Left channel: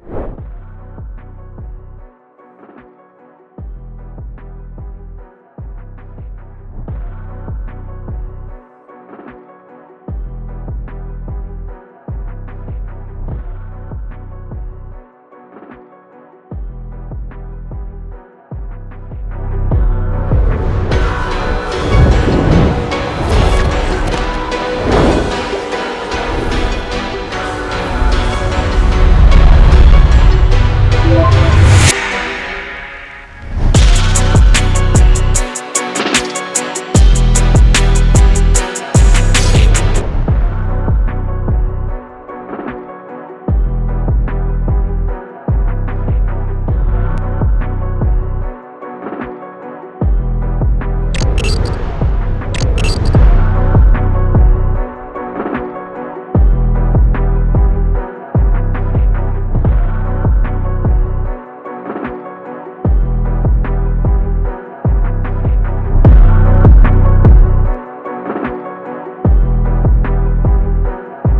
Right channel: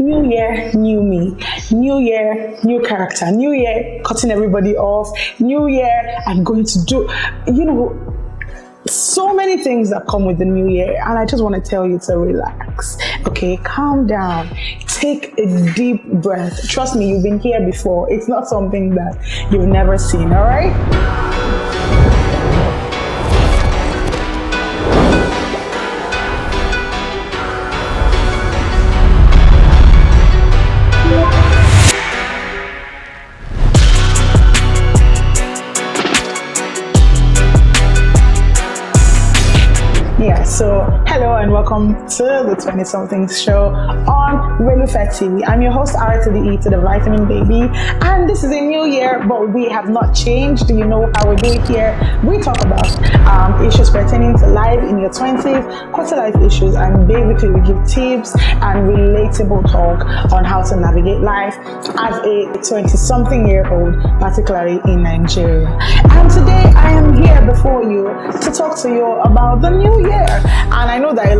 New year, new me. New year, new character. New year, cutting everybody off. New year, I'm going to do, so many things that come with the new year, and I just want to tell you to relax. Okay, calm down. Take a deep breath. Trust me, you've been here before. It's not something that you've never seen, all right? Hello and welcome to the 20-somethings show on Relufe TV. I'm your host, R to the E to the vitamin baby, and this is a new year, but we have not changed. You know how we do it here. We talk about issues pertaining to life in your 20s, quarter life issues, and basically we give tips and relatable talk on how to navigate life as a 20-something-year-old, particularly in Nigeria. And today I am here before you to talk to you about the new year. And I know that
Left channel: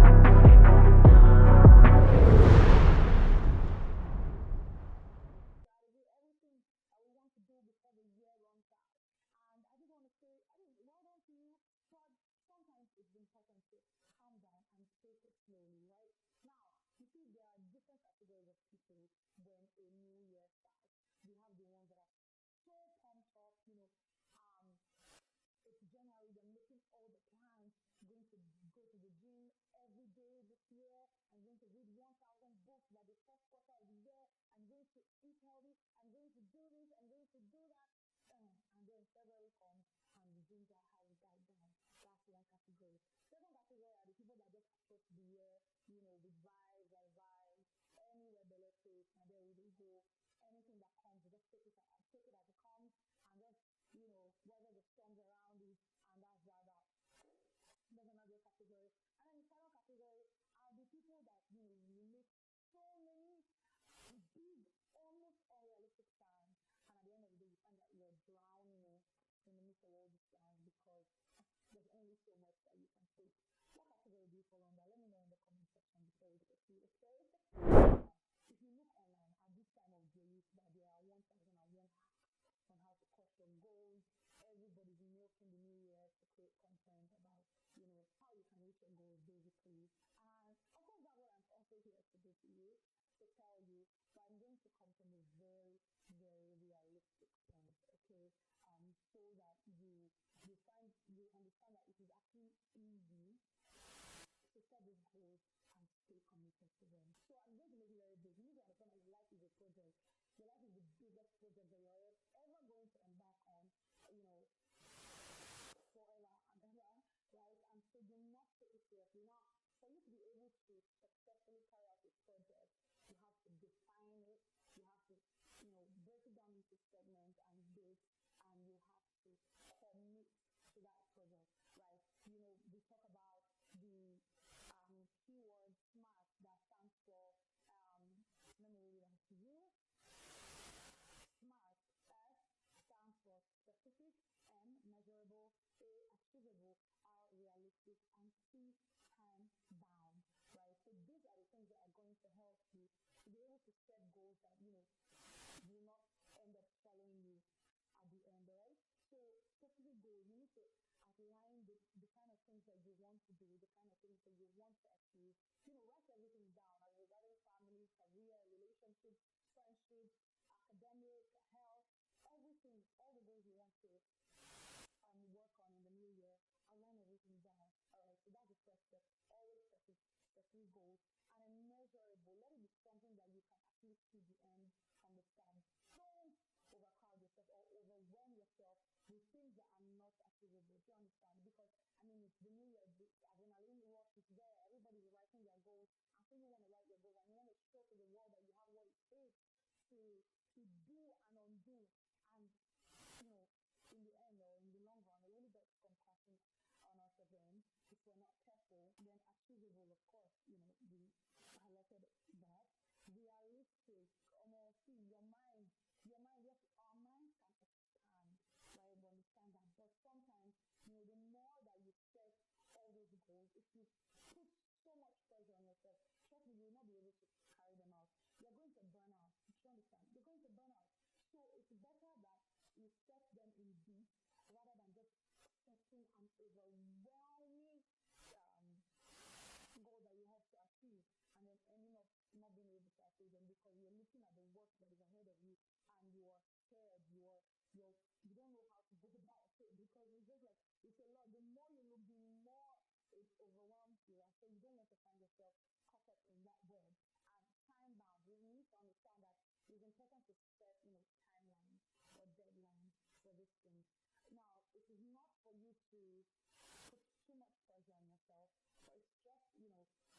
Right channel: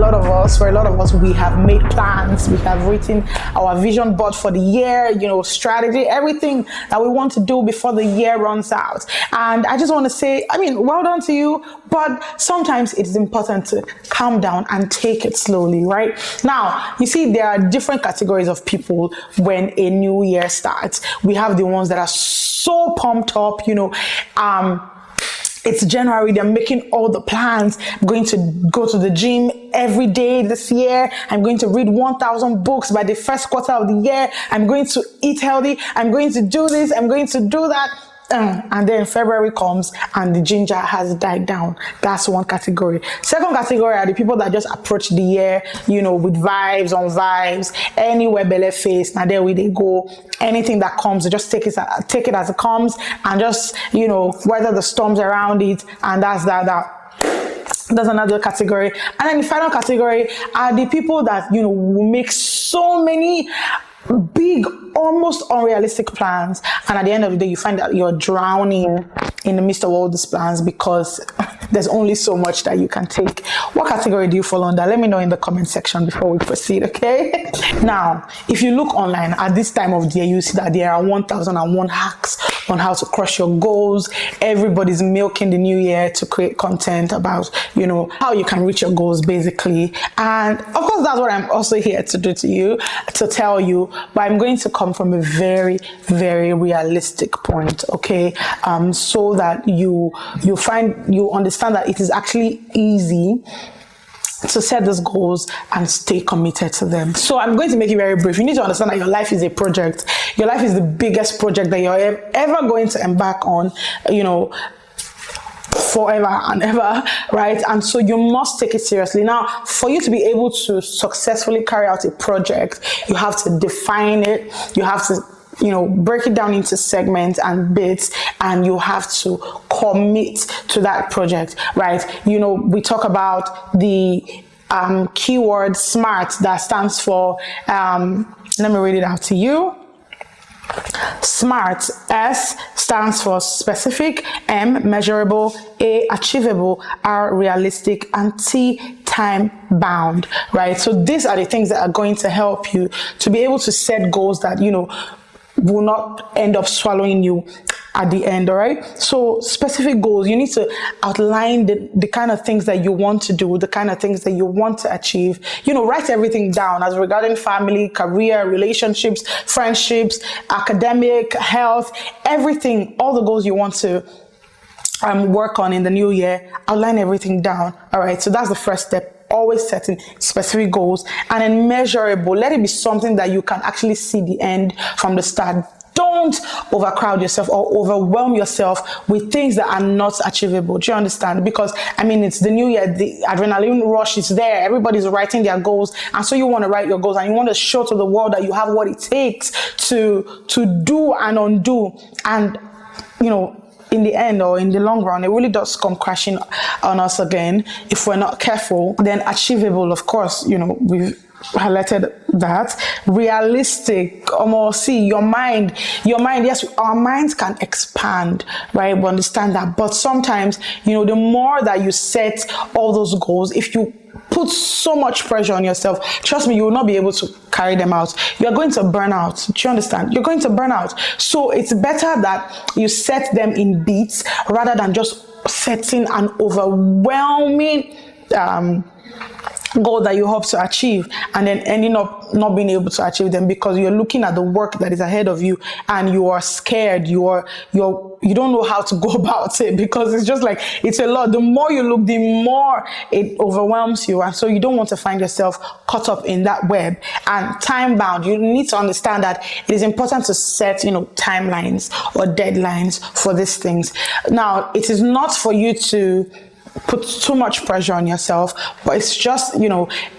for a lot of us, we have made plans, we have written our vision board for the year, strategy, everything that we want to do before the year runs out. And I just want to say, well done to you, but sometimes it is important to calm down and take it slowly, right? Now, you see, there are different categories of people when a new year starts. We have the ones that are so pumped up, it's January, they're making all the plans. I'm going to go to the gym every day this year. I'm going to read 1,000 books by the first quarter of the year. I'm going to eat healthy. I'm going to do this. I'm going to do that. And then February comes and the ginger has died down. That's one category. Second category are the people that just approach the year, with vibes on vibes, anywhere belly face. Now there we they go. Anything that comes, just take it as it comes, and just weather the storms around it. And that's that's another category. And then the final category are the people that will make so many big, almost unrealistic plans, and at the end of the day you find that you're drowning in the midst of all these plans because there's only so much that you can take. What category do you fall under? Let me know in the comment section before we proceed, okay? Now, if you look online at this time of the year, you see that there are 1,001 hacks on how to crush your goals. Everybody's milking the new year to create content about how you can reach your goals, basically. And of course, that's what I'm also here to do to tell you, but I'm going to come from a very, very realistic point, okay? So that you understand that it is actually easy to set those goals and stay committed to them. So I'm going to make it very brief. You need to understand that your life is a project. Your life is the biggest project that you're ever going to embark on, forever and ever, right? And so you must take it seriously. Now, for you to be able to successfully carry out a project, you have to define it. You have to break it down into segments and bits, and you have to commit to that project, right? We talk about the keyword SMART, that stands for, let me read it out to you. SMART. S stands for specific, M measurable, A achievable, R realistic, and T time bound, right? So these are the things that are going to help you to be able to set goals that will not end up swallowing you at the end, all right? So specific goals, you need to outline the kind of things that you want to do, the kind of things that you want to achieve. Write everything down as regarding family, career, relationships, friendships, academic, health, everything, all the goals you want to work on in the new year. Outline everything down, all right? So that's the first step. Always setting specific goals, and then measurable. Let it be something that you can actually see the end from the start. Don't overcrowd yourself or overwhelm yourself with things that are not achievable. Do you understand? Because it's the new year, the adrenaline rush is there. Everybody's writing their goals, and so you want to write your goals and you want to show to the world that you have what it takes to do and undo. And in the end, or in the long run, it really does come crashing on us again if we're not careful. Then achievable, of course, we've highlighted that. Realistic, see, your mind, yes, our minds can expand, right? We understand that. But sometimes, the more that you set all those goals, if you put so much pressure on yourself, trust me, you will not be able to carry them out. You are going to burn out. Do you understand? You're going to burn out. So it's better that you set them in beats rather than just setting an overwhelming goal that you hope to achieve and then ending up not being able to achieve them because you're looking at the work that is ahead of you and you are scared, you don't know how to go about it because it's just like, it's a lot. The more you look, the more it overwhelms you, and so you don't want to find yourself caught up in that web. And time bound, you need to understand that it is important to set, timelines or deadlines for these things. Now, it is not for you to put too much pressure on yourself, but it's just,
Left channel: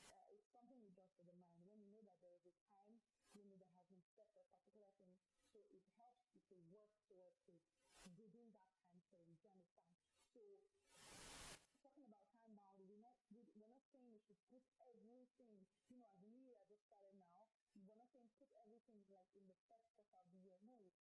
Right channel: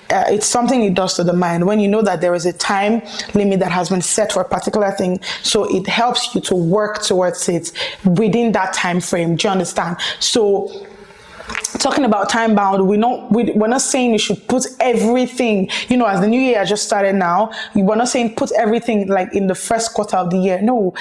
it's something it does to the mind when you know that there is a time limit that has been set for a particular thing. So it helps you to work towards it within that time frame. Do you understand? So talking about time bound, we're not saying you should put everything, as the new year just started now, we're not saying put everything like in the first quarter of the year. No,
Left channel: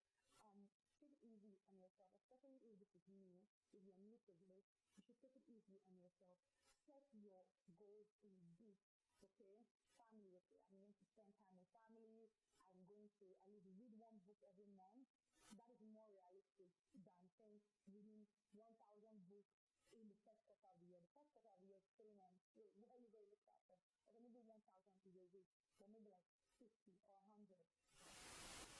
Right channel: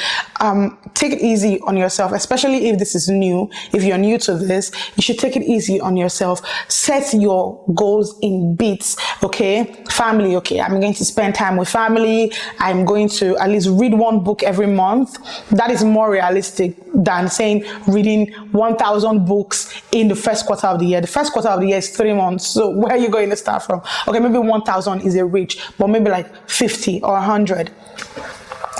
take it easy on yourself, especially if this is new. If you're new to this, you should take it easy on yourself. Set your goals in bits, okay? Family, okay, I'm going to spend time with family. I'm going to at least read one book every month. That is more realistic than saying reading 1,000 books in the first quarter of the year. The first quarter of the year is 3 months. So where are you going to start from? Okay, maybe 1,000 is a reach, but maybe like 50 or 100.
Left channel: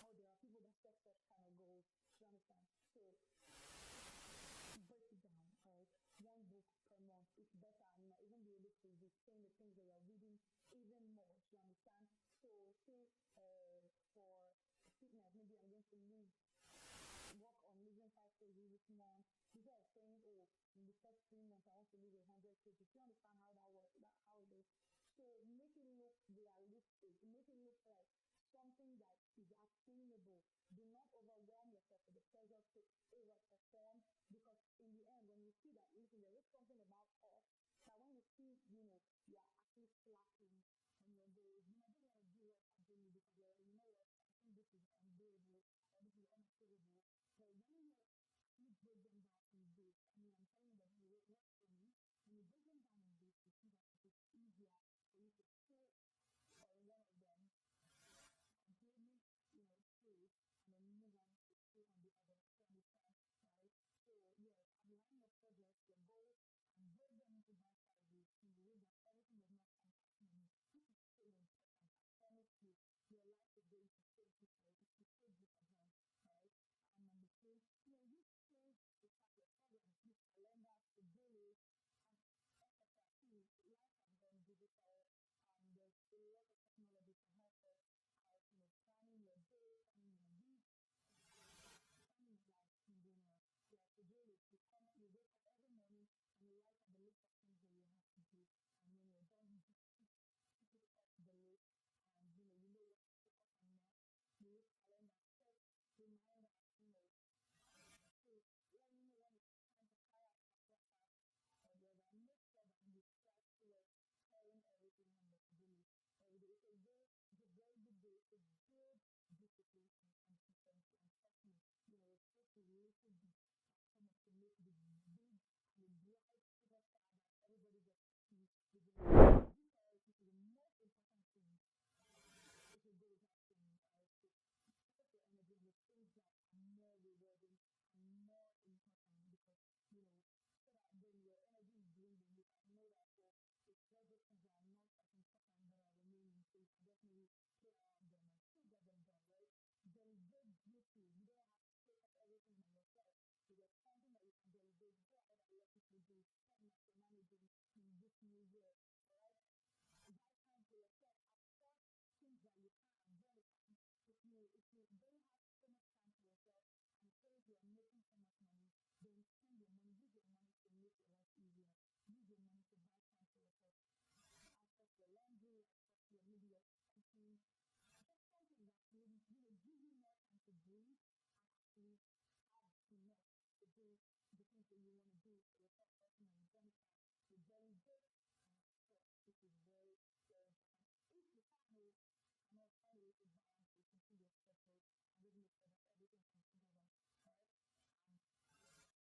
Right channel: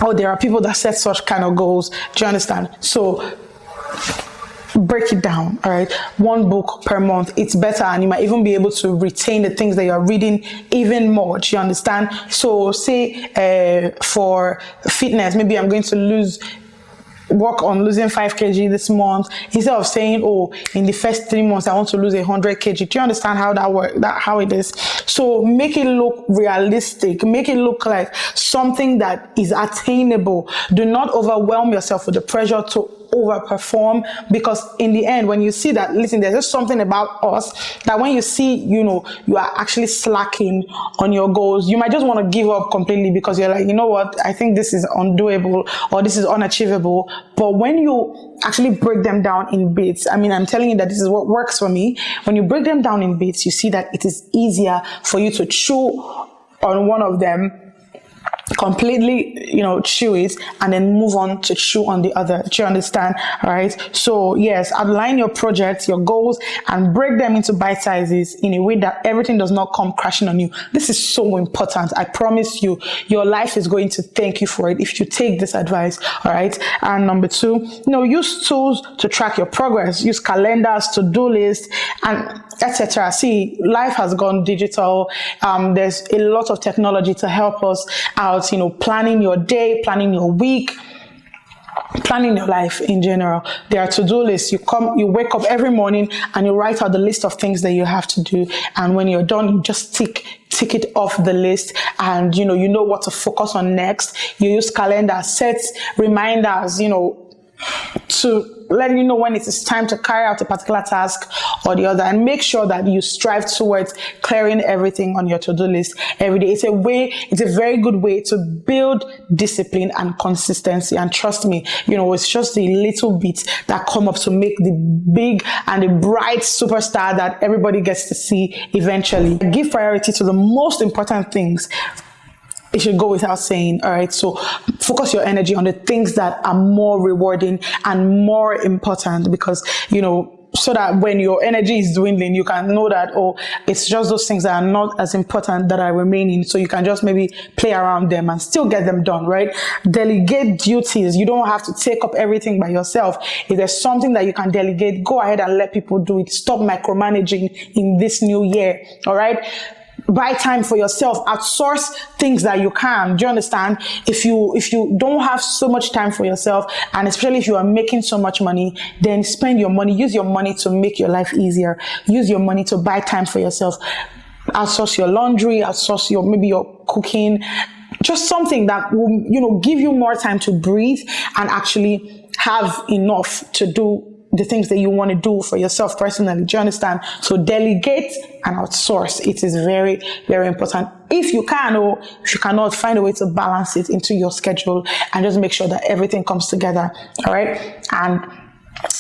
Oh, there are people that set such kind of goals. Do you understand? So break it down, all right? 1 book per month, it's better, and you might even be able to retain the things that you're reading even more. Do you understand? So say for fitness, maybe I'm going to work on losing 5 kg this month, instead of saying, oh, in the first 3 months I want to lose 100 kg. Do you understand how that works? How it is? So make it look realistic. Make it look like something that is attainable. Do not overwhelm yourself with the pressure to overperform, because in the end, when you see that, listen, there's just something about us that when you see, you are actually slacking on your goals, you might just want to give up completely because you're like, what, I think this is undoable or this is unachievable. But when you actually break them down in bits, I'm telling you that this is what works for me. When you break them down in bits, you see that it is easier for you to chew on one of them, completely, chew it, and then move on to chew on the other. Do you understand? All right. So yes, outline your projects, your goals, and break them into bite sizes in a way that everything does not come crashing on you. This is so important. I promise you, your life is going to thank you for it if you take this advice. All right. And number 2, use tools to track your progress. Use calendars, to-do lists, and etc. See, life has gone digital. There's a lot of technology to help us out, planning your day, planning your week, planning your life in general. There are to-do lists. You wake up every morning and you write out the list of things that you have to do. And when you're done, you just tick it off the list, and you know what to focus on next. You use calendar, set reminders, to let you know when it is time to carry out a particular task or the other, and make sure that you strive towards clearing everything on your to-do list every day. It's a very good way to build discipline and consistency. And trust me, it's just the little bits that come up to make the big and the bright superstar that everybody gets to see eventually. Give priority to the most important things. It should go without saying, all right? So focus your energy on the things that are more rewarding and more important, because, so that when your energy is dwindling, you can know that, it's just those things that are not as important that are remaining. So you can just maybe play around them and still get them done, right? Delegate duties. You don't have to take up everything by yourself. If there's something that you can delegate, go ahead and let people do it. Stop micromanaging in this new year, all right? Buy time for yourself. Outsource things that you can. Do you understand? If you don't have so much time for yourself, and especially if you are making so much money, then spend your money. Use your money to make your life easier. Use your money to buy time for yourself. Outsource your laundry. Outsource your cooking. Just something that will, give you more time to breathe and actually have enough to do the things that you want to do for yourself personally. Do you understand? So delegate and outsource. It is very, very important. If you can, or if you cannot, find a way to balance it into your schedule and just make sure that everything comes together. All right. And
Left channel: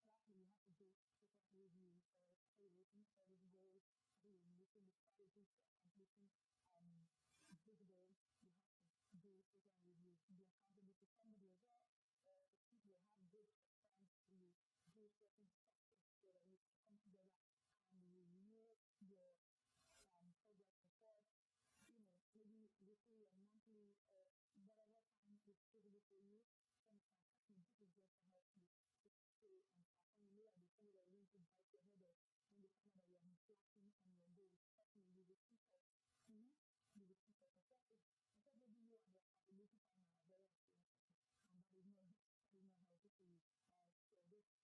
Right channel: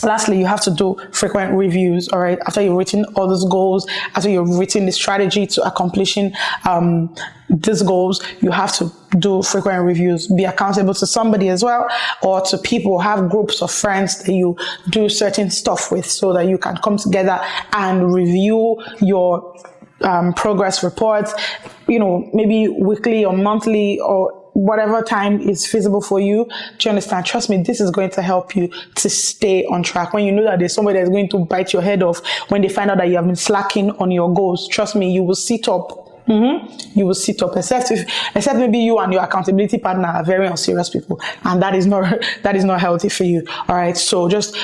Lastly, you have to do frequent reviews, all right? After you've written all those goals, after you've written the strategy to accomplishing these goals, you have to do frequent reviews. Be accountable to somebody as well, or to people. Have groups of friends that you do certain stuff with, so that you can come together and review your progress reports, maybe weekly or monthly, or whatever time is feasible for you. Do you understand? Trust me, this is going to help you to stay on track. When you know that there's somebody that's going to bite your head off when they find out that you have been slacking on your goals, trust me, you will sit up. You will sit up, except maybe you and your accountability partner are very unserious people, and that is not healthy for you. All right, so just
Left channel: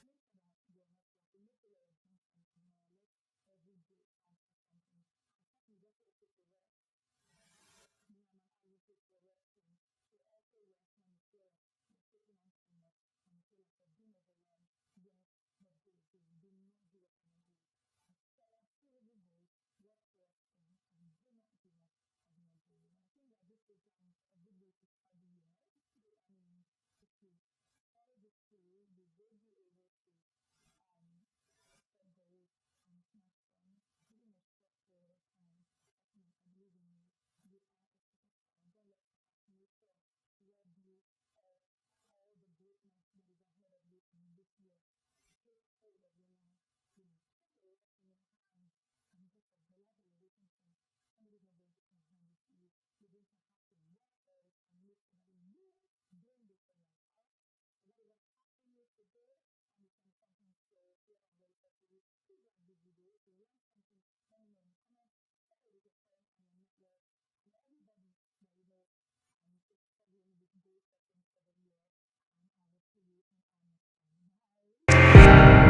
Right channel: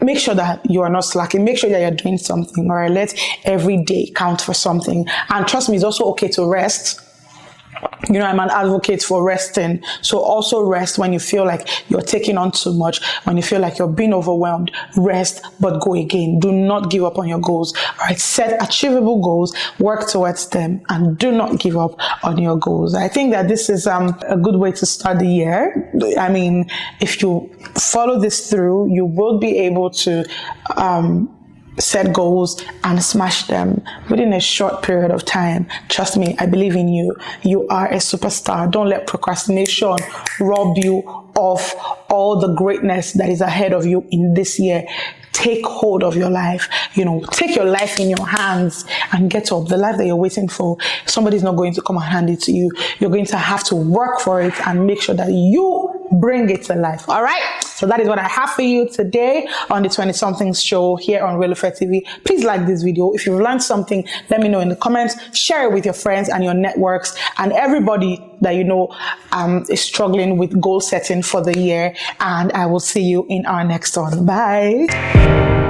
make sure that you are not slacking. Make sure that you're doing something. All right, let every day count for something. And trust me, it's also okay to rest. I'm an advocate for resting. So also rest when you feel like you're taking on too much, when you feel like you're being overwhelmed. Rest, but go again. Do not give up on your goals. All right, set achievable goals, work towards them, and do not give up on your goals. I think that this is a good way to start the year. I mean, if you follow this through, you will be able to set goals and smash them within a short period of time. Trust me, I believe in you. You are a superstar. Don't let procrastination rob you of all the greatness that is ahead of you in this year. Take hold of your life. Take your life in your hands and get up. The life that you're waiting for, somebody's not going to come and hand it to you. You're going to have to work for it and make sure that you bring it to life. All right? So that is what I have for you today on the 20-somethings show here on Relufe TV. Please like this video. If you've learned something, let me know in the comments. Share it with your friends and your networks and everybody that is struggling with goal setting for the year. And I will see you in our next one. Bye.